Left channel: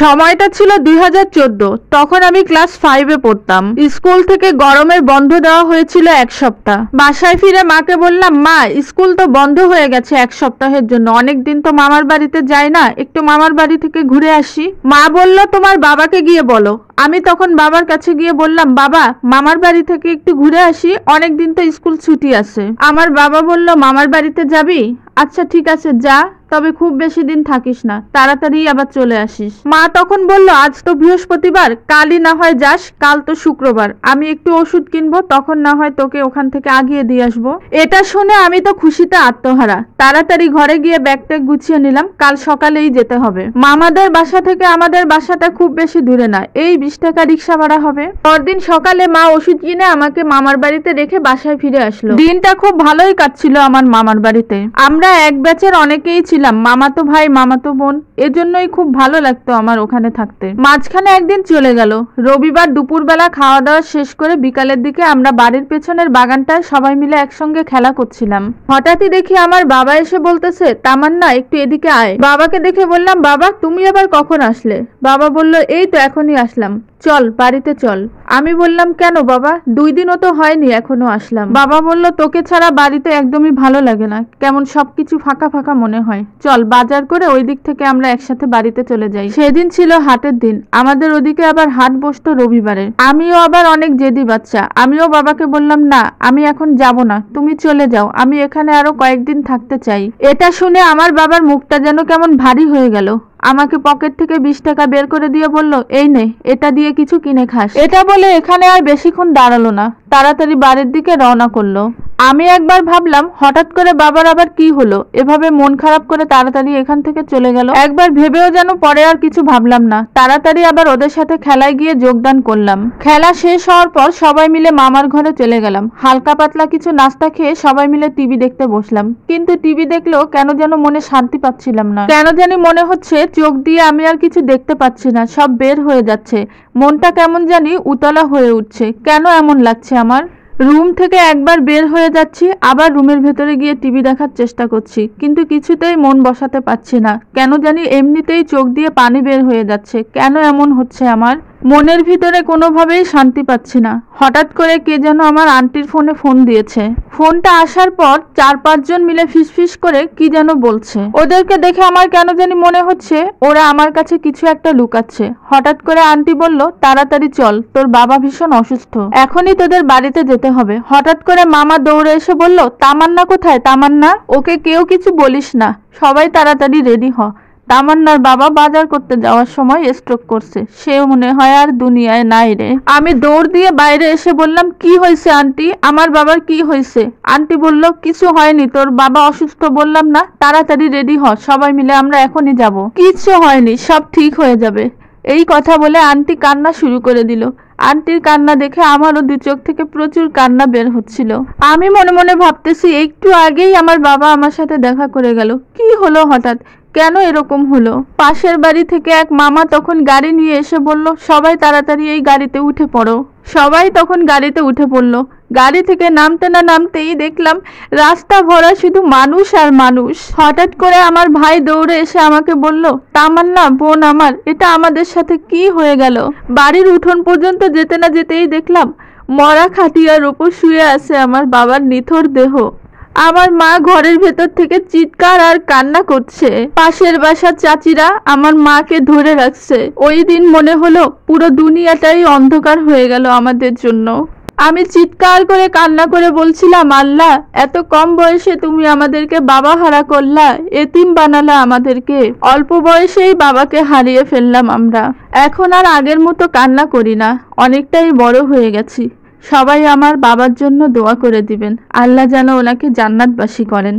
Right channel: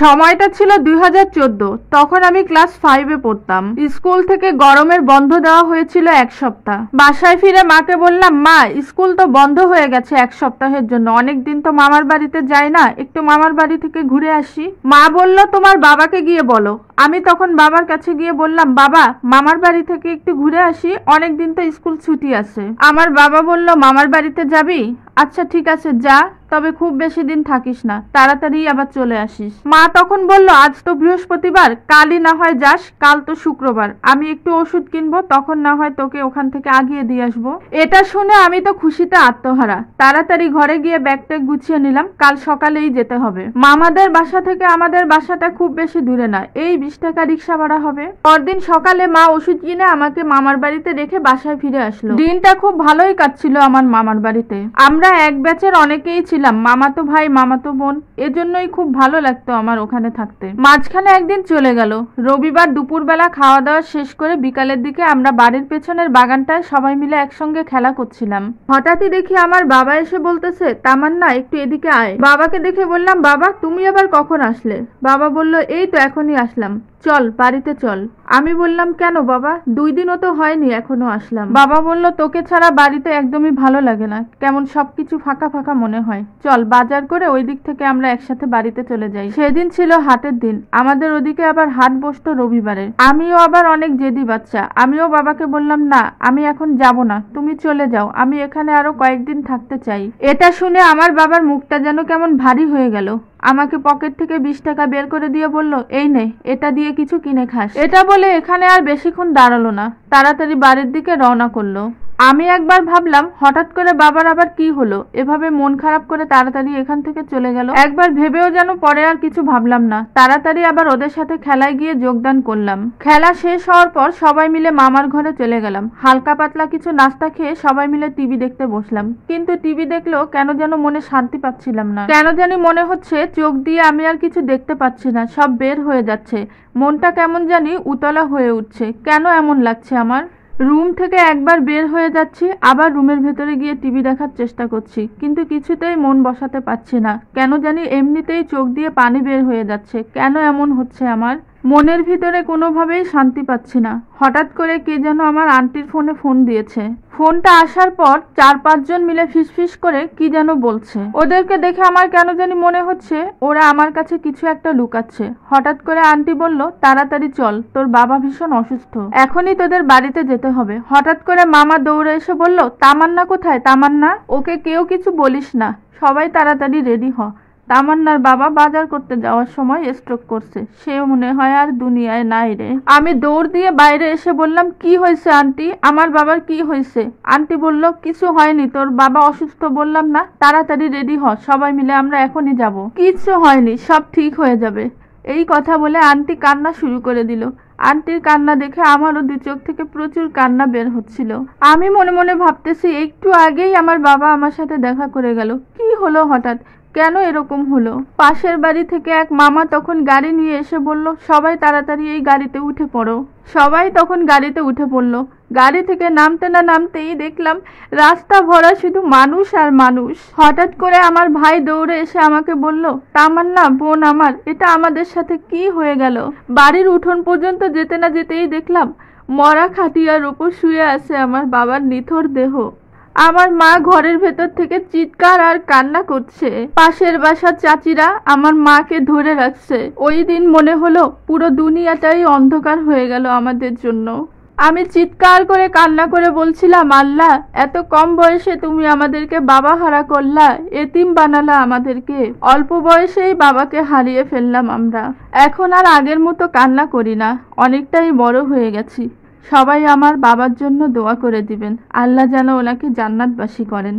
সময়টা ছিল 2014। তখন আমি ক্লাস 5-এ পড়তাম। স্কুল থেকে গরমের বন্ধ দেওয়া হয়েছিল 1 সপ্তাহ। বাসায় ফিরে মাকে বললাম, মা স্কুল তো বন্ধ হয়ে গেছে 1 সপ্তাহের জন্য, অনেকদিন তো মামার বাড়িতে যাই না, একটু মামার বাড়ি থেকে ঘুরে আসি। মা বলল, তোমার বাবাকে গিয়ে বলো। আমি তখন বাবার কাছে গিয়ে বললাম, বাবা মামার বাড়ি থেকে একটু ঘুরে আসি, অনেকদিন তো স্কুল ছুটি আছে। আমার বাবা বলল, মামার বাড়িতে যাবি? আচ্ছা ঠিক আছে যা, তবে খুব বেশি দিন থাকিস না, তাড়াতাড়ি আবার চলে আসিস। মা তখন বলল, আজ তো বৃহস্পতিবার, কালই না হয় যাস, কাল তো শুক্রবার, আমি একটু ওষুধ কিনবো, তখন না হয় তোকে ওখান থেকে আগিয়ে দিয়ে আসবো। এটা শুনে আমি তো খুশিতে আত্মহারা। তাড়াতাড়ি ঘরে গিয়ে ব্যাগ ট্যাগ গুছিয়ে নিলাম, কাল সকালেই যেতে হবে। মামাদের বাসা থেকে আমাদের বাসাটা খুব বেশি দূরে না, এই 20 টাকা রিক্সা ভাড়া হবে। পরদিন সকালে মা ওষুধ কিনে আমাকে মামার বাড়িতে রেখে বাসায় ফিরে আসলো। দিনটা খুব ভালোই কাটছিল আমার মামার বাড়িতে। আমরা এক ব্যাচের অনেকেই ছিলাম, মামাতো ভাই মামাতো বোন, এজন্যই খুব ভালো লাগতো আমার ওখানে থাকতে। মাঝখানে একদিন চলে গেল। রবিবার দুপুরবেলা খাওয়া দাওয়া শেষ করে বিকালের দিকে আমরা বাড়ির পেছনের বাগানটায় সবাই মিলে একসঙ্গে খেলা করছিলাম। হঠাৎই দেখি আমার বাবা এসে বলতেছে, তামান্না একটু এদিকে আয়। বাবাকে দেখে বললাম, বাবা তুমি আবার কখন আসলে? বাবা বলল, এই তো এখনই আসলাম, চল বাড়িতে চল। আমি বললাম, কেন বাবা? 2 দিনও তো হয়নি এখনো আসলাম। বাবা বলল, তোকে ছাড়া বাড়িতে একদমই ভালো লাগে না, কেমন সবকিছু ফাঁকা ফাঁকা মনে হয়, চল বাজার করে ওই দিক থেকে আমরা একসাথে বাড়িতে চলে যাই। সেদিন ছিল হাটের দিন, আমাদের ওদিকে আবার হাট বসতো রবিবারে। আমিও আবার অনেক জেদি বাচ্চা, আমিও বাবাকে বললাম, না আমি এখন যাব না, তুমি চলে যাও, আমি এখানে আরো কয়েকদিন থাকতে চাই। এটা শুনে আমার বাবার মুখটা যেন কেমন ভারী হয়ে গেল। আমাকে পকেট থেকে 20 টাকা বের করে দিয়ে বলল, এই নে, এটা দিয়ে কিছু কিনে খাস। এটা বলে এখানে আর বেশিক্ষণ দাঁড়ালো না, তাড়াতাড়ি বাড়ির দিকে রওনা করলো। আমি একবার ভাবলাম, হঠাৎ করে বাবার আবার কি হলো, এভাবে মন খারাপ করে তাড়াতাড়ি এখান থেকে চলে গেল। একবার ভেবেও যেন পরে আর কিছু ভাবলাম না, তাড়াতাড়ি আবার ওদের সাথে খেলায় গিয়ে যোগদান করলাম। খেলা শেষ হওয়ার পর সবাই মিলে মামার ঘরে চলে গেলাম। হালকা পাতলা কিছু নাস্তা খেয়ে সবাই মিলে টিভি দেখতে বসলাম। কিন্তু টিভি দেখলেও কেন যেন মনে শান্তি পাচ্ছিলাম না। কেন জানি মনে হচ্ছে চোখ দিয়ে আমি আর কিছু দেখতে পাচ্ছি না, সব বের হয়ে যাচ্ছে। মনটা কেমন জানি উতলা হয়ে উঠছে। কেন এমন লাগছে আমার? রুম থেকে একবার বের হয়ে যাচ্ছি, আবার রুমের ভেতরে গিয়ে টিভি দেখার চেষ্টা করছি, কিন্তু কিছুতেই মন বসাতে পারছি না। কেন জানি এমনিতেই চোখ দিয়ে পানি বের হয়ে যাচ্ছে। কেন এমন হচ্ছে আমার? মনের ভিতরে কোনোভাবেই শান্তি পাচ্ছি না। হঠাৎ করে কে যেন আমার আন্টির ফোনে ফোন দিয়েছে। ফোনটা আসার পর 4-5 জন মিলে ফিসফিস করে কি যেন বলছে। ওদেরকে দেখে আমার কেন জানি মনে হচ্ছে ওরা আমার কাছে কিছু একটা লুকাচ্ছে। হঠাৎ করে আন্টি বলল, তাড়াতাড়ি চল, তোর বাবা ভীষণ অসুস্থ, এখনই তোদের বাড়িতে যেতে হবে। হঠাৎ করে মামা দৌড়ে এসে বলল, তামান্না কোথায়? তামান্না, ওকে কেউ কিছু বলিস না, সবাই তাড়াতাড়ি রেডি হ। তামান্নার বাবা বাজার করতে যাওয়ার সময় স্ট্রোক করছে, সেও মনে হয় আর দুনিয়ায় নাই রে। আমি দৌড় দিয়ে বাইরে এসে বললাম, কি হয়েছে আন্টি? আমার বাবার কি হয়েছে? আন্টি বলল, কিছু হয়নি, তোর বাবা অসুস্থ বললাম না, তাড়াতাড়ি রেডি হ, সবাই মিলে আমরা এখনই যাব। কিছু হয়নি, সব ঠিক হয়ে যাবে। এই কথা বলে আন্টি কান্না শুরু করে দিল। আন্টির কান্না দেখে আমারও 2 চোখ থেকে প্রচুর কান্না বের হচ্ছিল। আমি মনে মনে ভাবতেছি, একটু আগেই আমার বাবা আমার সাথে দেখা করে গেল, কি হলো হঠাৎ, কেন এরকম হলো? পাশের বাড়ি থেকে এক মামা তখন গাড়ি নিয়ে এসে বলল, সবাই তাড়াতাড়ি এই গাড়িতে উঠে পড়ো। সবাই তখন গাড়িতে উঠে পড়লো। গাড়ি থেকে নামতে না নামতেই দেখলাম রাস্তা ভরা শুধু মানুষ আর মানুষ। হঠাৎ করে আমার ভাই দৌড়ে এসে আমাকে বলল, তামান্না বোন আমার, এটা আমাদের সাথে কি হয়ে গেল? বাড়ির উঠোন পর্যন্ত যেতে না যেতেই দেখলাম মরা খাটিয়ার উপর শুয়ে আছে আমার বাবার নিথর দেহ। আমার মা ঘরের ভেতর থেকে চিৎকার আর কান্না করছে। পাশের বাসার চাচিরা আমার মাকে ধরে রাখছে। ওই দিন মনে হলো পুরো দুনিয়াটাই অন্ধকার হয়ে গেল আমাদের জন্য। আমি চিৎকার করে কান্না করে বলছিলাম, আল্লাহ এত কম বয়সে তুমি আমাদেরকে বাবা হারা করলা, এতিম বানালা আমাদেরকে। অল্প বয়সেই বাবাকে হারিয়ে ফেললাম আমরা। এখন আর আগের মতো কান্না করি না, অনেকটাই বড় হয়ে গেছি। সবাই আমার বাবার জন্য দোয়া করে দিবেন, আল্লাহ যেন ওনাকে জান্নাতবাসী করেন।